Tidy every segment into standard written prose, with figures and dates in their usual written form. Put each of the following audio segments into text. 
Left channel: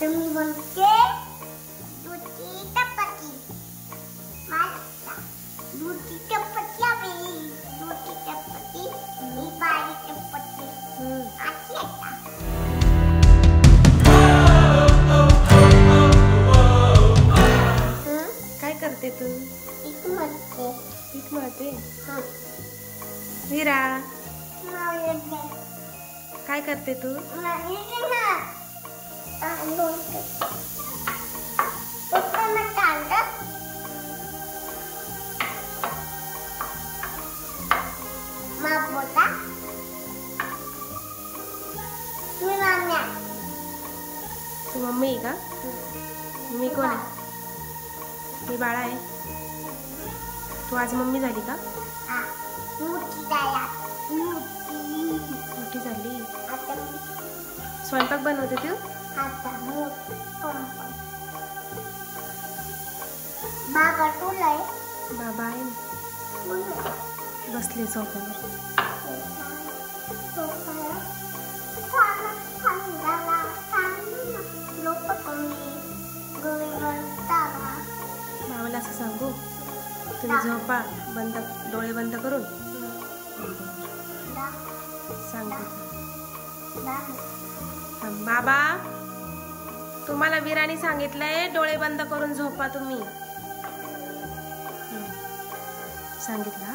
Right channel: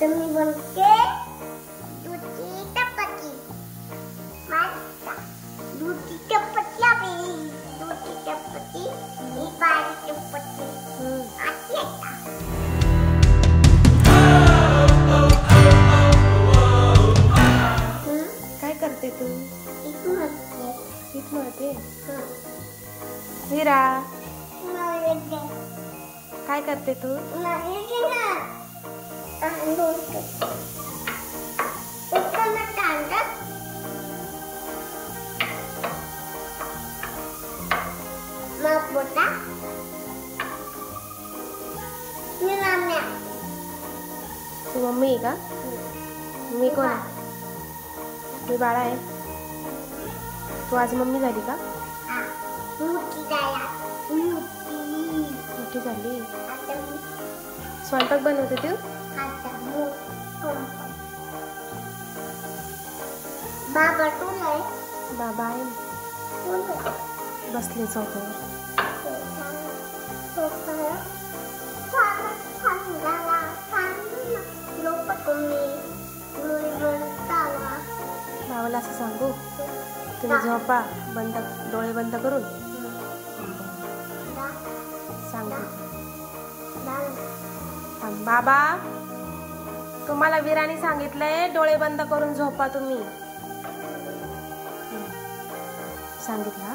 तुम्ही बनते दूधची चपाती मस्त दूधची चपाती आपली दूधची चपाती ही बारीक चपाती अशी काय करते तू? पीठ मळते. वीरा काय करते तू? तू मम्मी आहे का? मी कोण आहे? मी बाळा आहे. तू आज मम्मी झाली का? मोठी झाली. स्वयंपाक बनवते तू? बाबा आहे बसले चौकावर. बाबाला असं सांगू तुम्ही झोपा डोळे बंद करून सांगते. बाबा तुम्हाला वीराने सांगितलंय डोळे बंद करून झोपा तुम्ही. सांगितलं.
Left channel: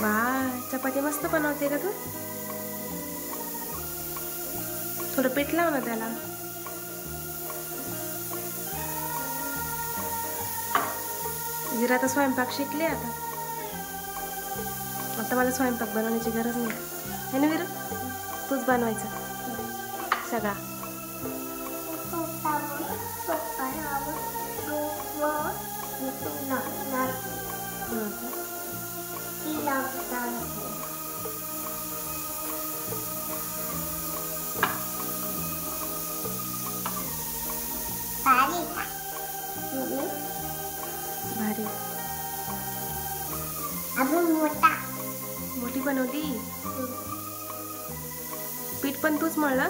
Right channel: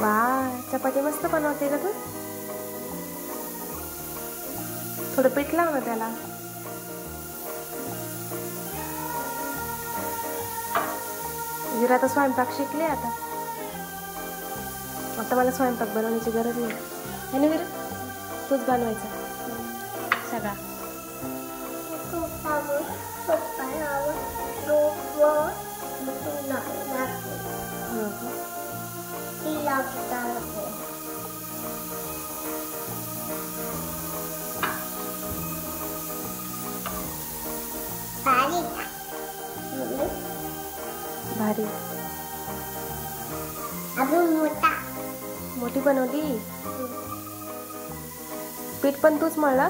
वा चपाती मस्त बनवते का तू? थोडं पीठ लाव ना त्याला. वीरा तर स्वयंपाक शिकले आता मला स्वयंपाक बनवण्याची गरज नाही है ना वीरा? तूच बनवायचा सगळा. भारी. मोठी बनवली. पीठ पण तूच मळलं?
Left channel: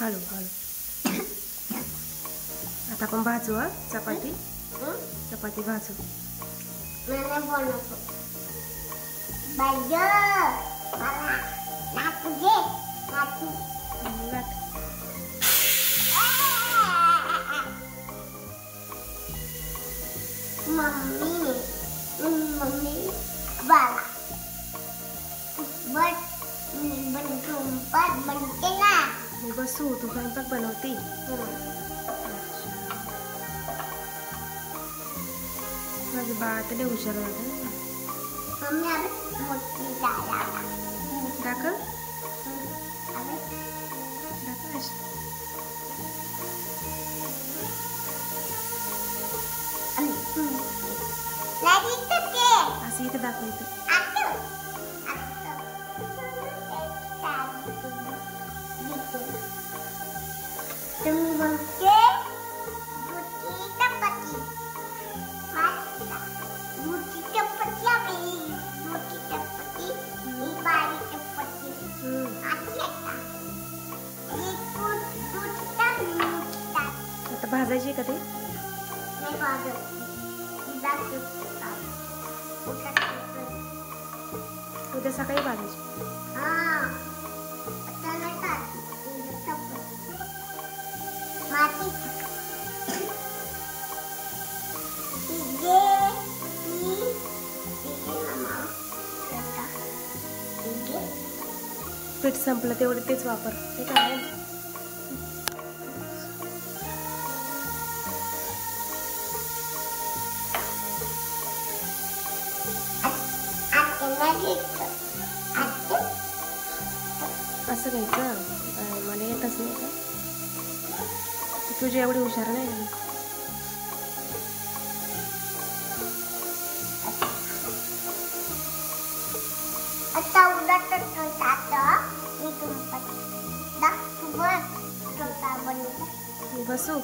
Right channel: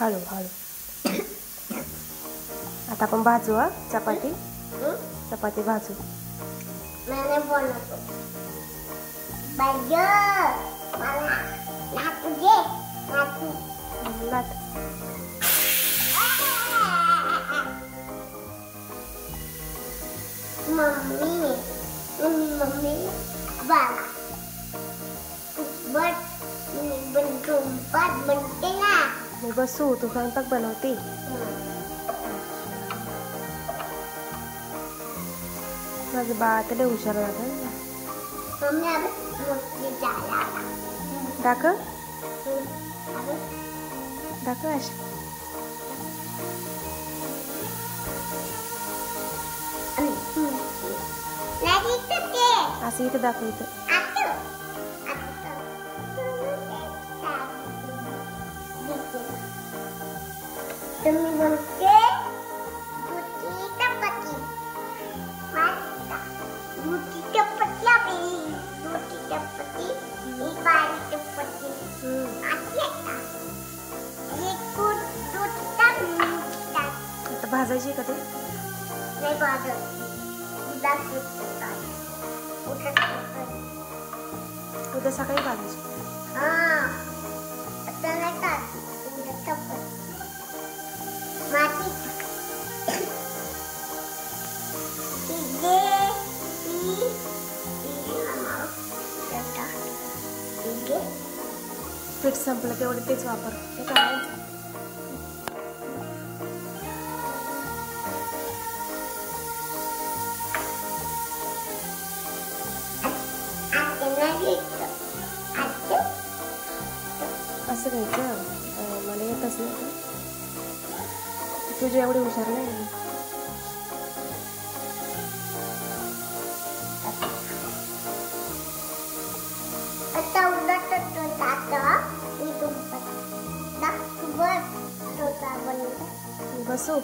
हळू हळू. आता आपण भाजू. चपाती भाजू. लाट. मम्मी बाला बनते ना. मी बसू तू स्वयंपाक बनवते. माझं बाळ तर लय हुशार झालं. दाखव असं इथं दाखव. इथं भाजायची का ते? उद्या सकाळी भाजायची. पीठ संपलं तेवढं तेच वापर. ते काय कसं घ्यायचं मला येतच नाही का? तुझी एवढी हुशार नाही ना. आता उद्या मी बसू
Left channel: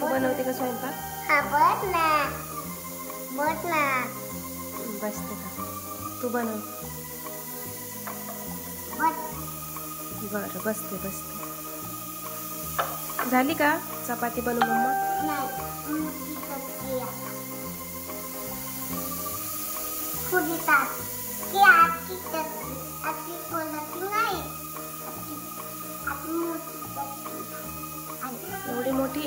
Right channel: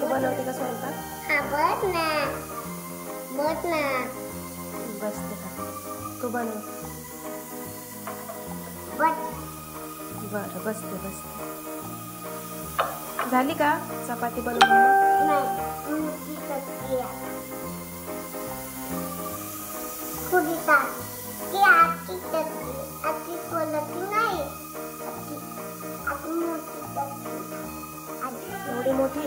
तू बनवते का स्वयंपाक? बसते का तू बनव. बरं बसते. झाली का चपाती बनवू मम्मा? एवढी मोठी?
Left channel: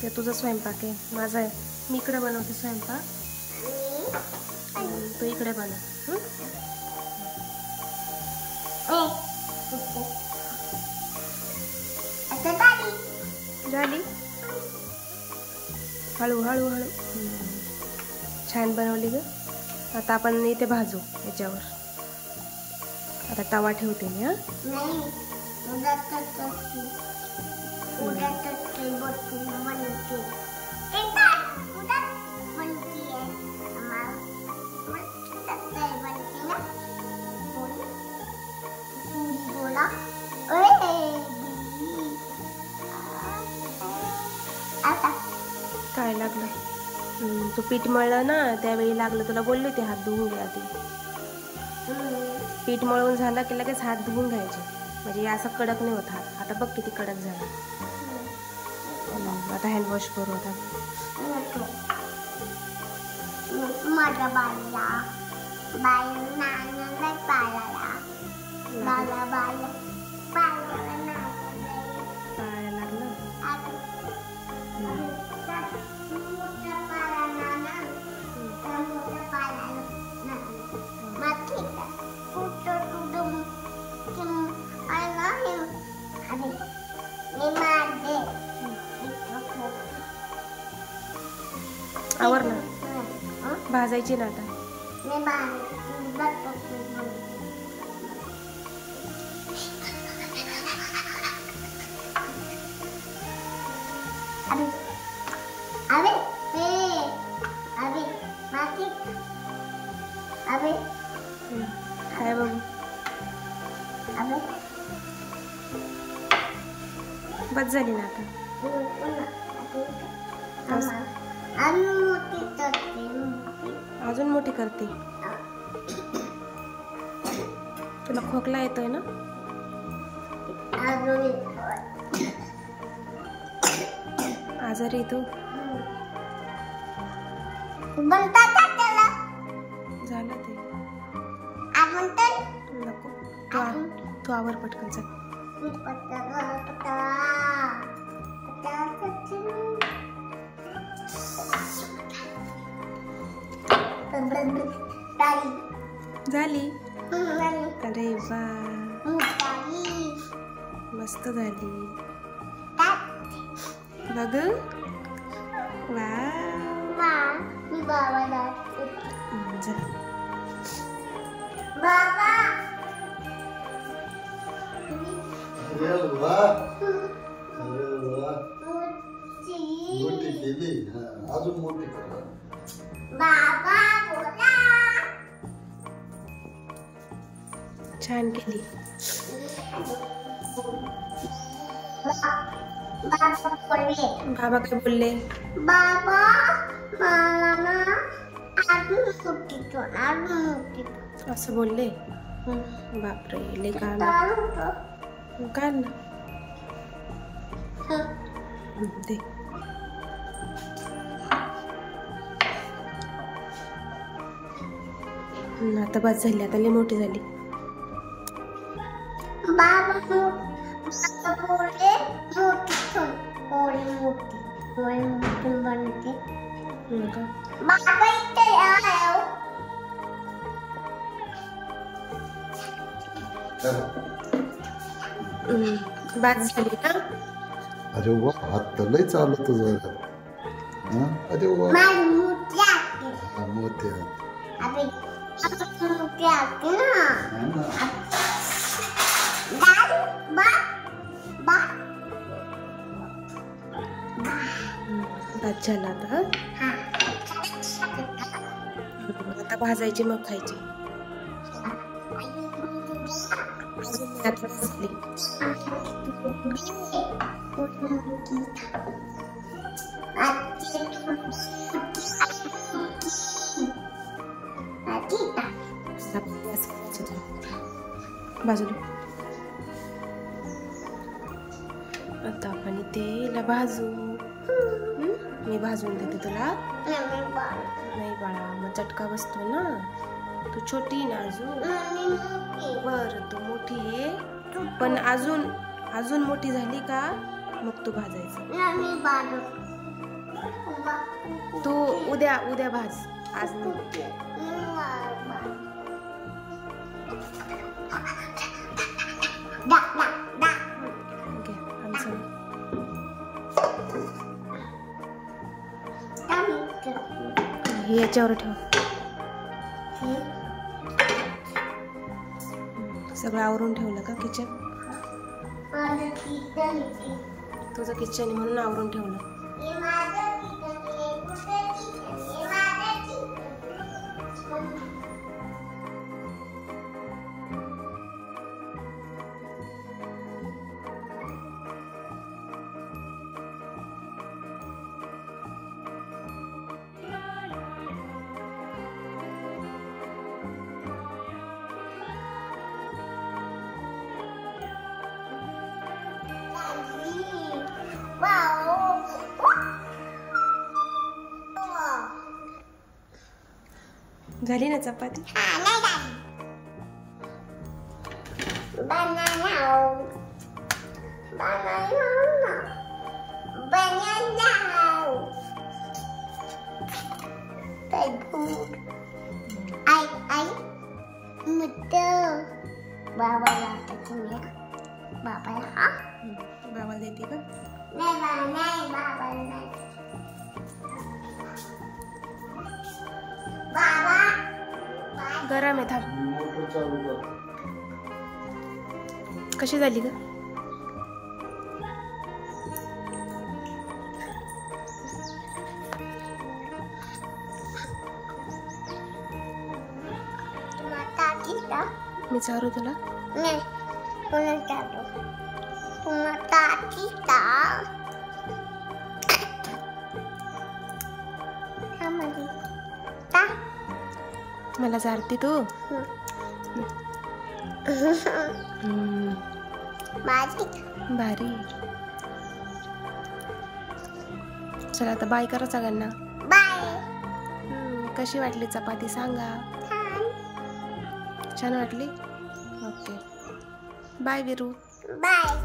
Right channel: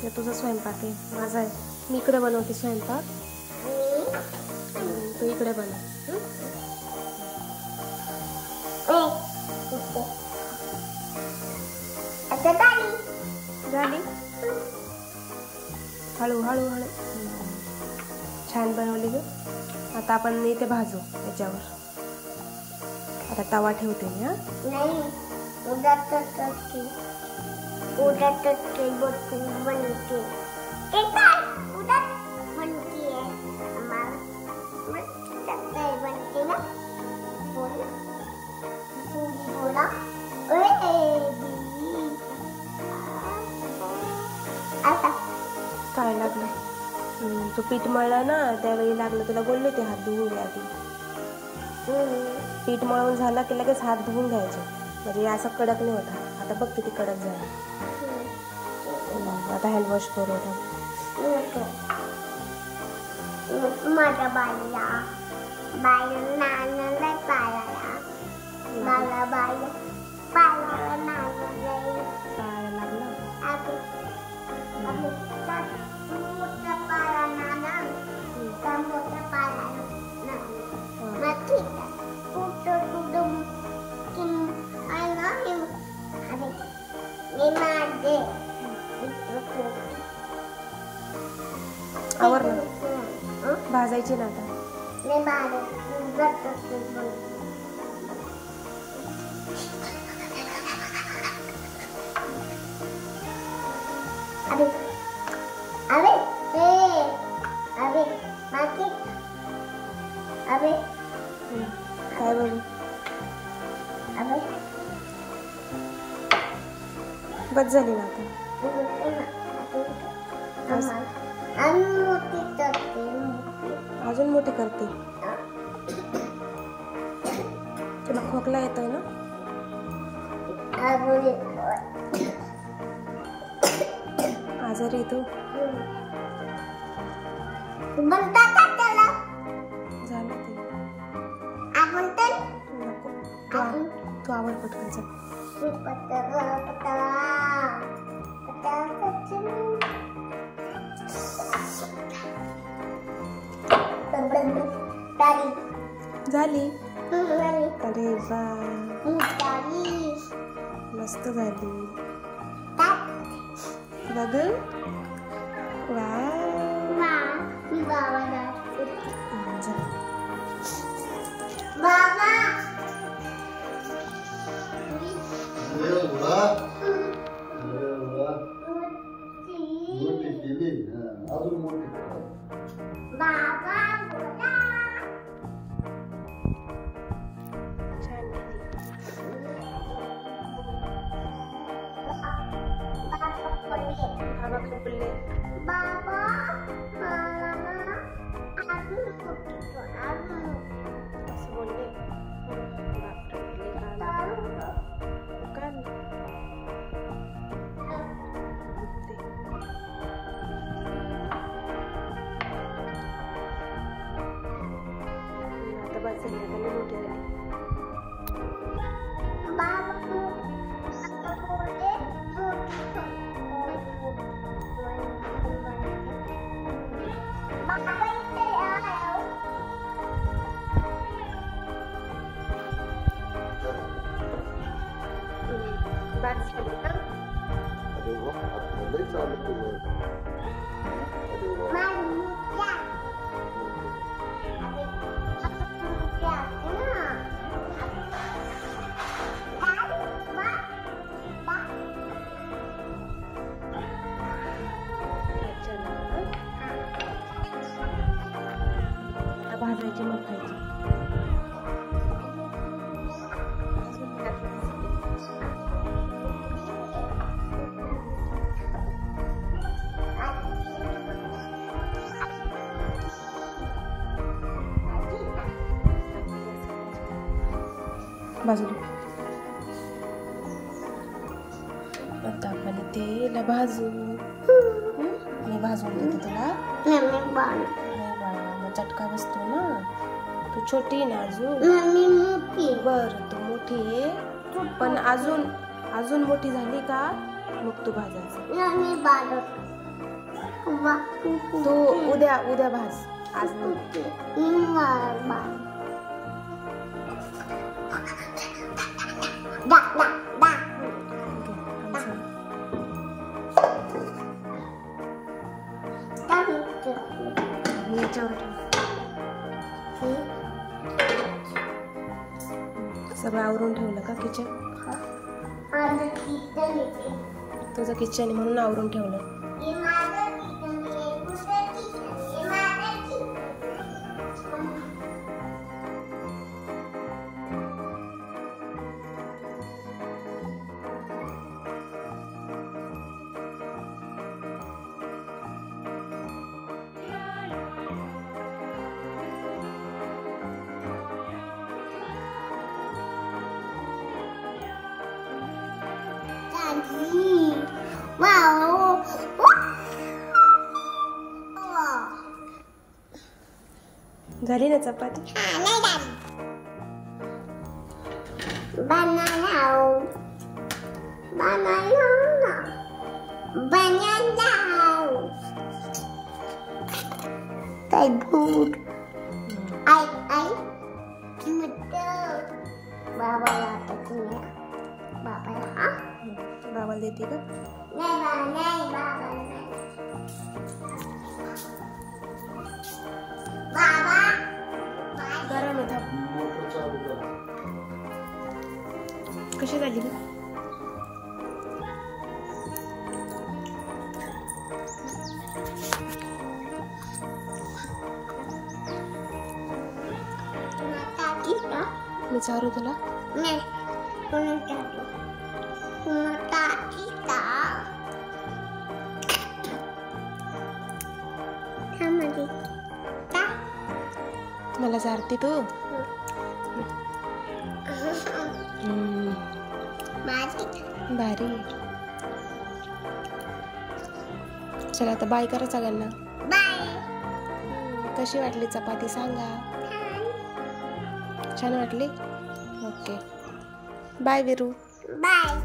ते तुझा स्वयंपाक आहे, माझा आहे. मी इकडे बनवते स्वयंपाक, तू इकडे बनव. झाली? हळू. छान बनवली ग. आता आपण इथे भाजू याच्यावर. आता तवा ठेवते मी. काय लागलं? तू पीठ मळलं ना त्यावेळी लागलं. तुला बोलले ते हात धुवून आधी. पीठ मळून झाला की लगेच हात धुवून घ्यायचे, म्हणजे असं कडक नाही होता. आता बघ किती कडक झाला. आता हँडवॉश करू. माझ्या बाळाला आवर ना, भाजायची ना आता. काय बघू? बस झाली ना आता. अजून मोठी करते. तुला खोकला येतोय ना? आजारी तू? झालं ते. नको तू आवर पटकन. झाली? अरे वा, मस्त झाली. बघू. छान केली. बाबा काय बोलले? असं बोलले? बापरे, लय कान. दे. आता बस झाली, आता लय मोठी झाली. भाजली ना. अरे वा हात तर लय चालत तुझं. अरे वा माझी मोठी आहे. मोठे. अबे, आता मोठी आहे ना. दाल, भात. अच्छा ना. आता भाजायची मग खायची. आता भाजली. बाजूला. आता आपण तेला भाजू. मी भाजून देते तुला. नाही बाळा मग चटका बसतो ना. तू छोटी ना अजून. बर तू मोठी आहे पण अजून मोठी झाली का मग तू भाजायचं. तू उद्या भाज. आज नाही. हे याच्यावर ठेव. सगळं आवरून ठेवलं का किचन. तुझं किचन आहे म्हणून आवरून ठेवलं. झाली ना चपाती. बाबाला देते का. गरम आहे थांब. कशी झाली का. मी चारू तुला. मला चारते तू. भारी. चला आता बाय करा सगळ्यांना. कशी वाटली चपाती सांगा. छान वाटली. Okay bye Viru. बाय.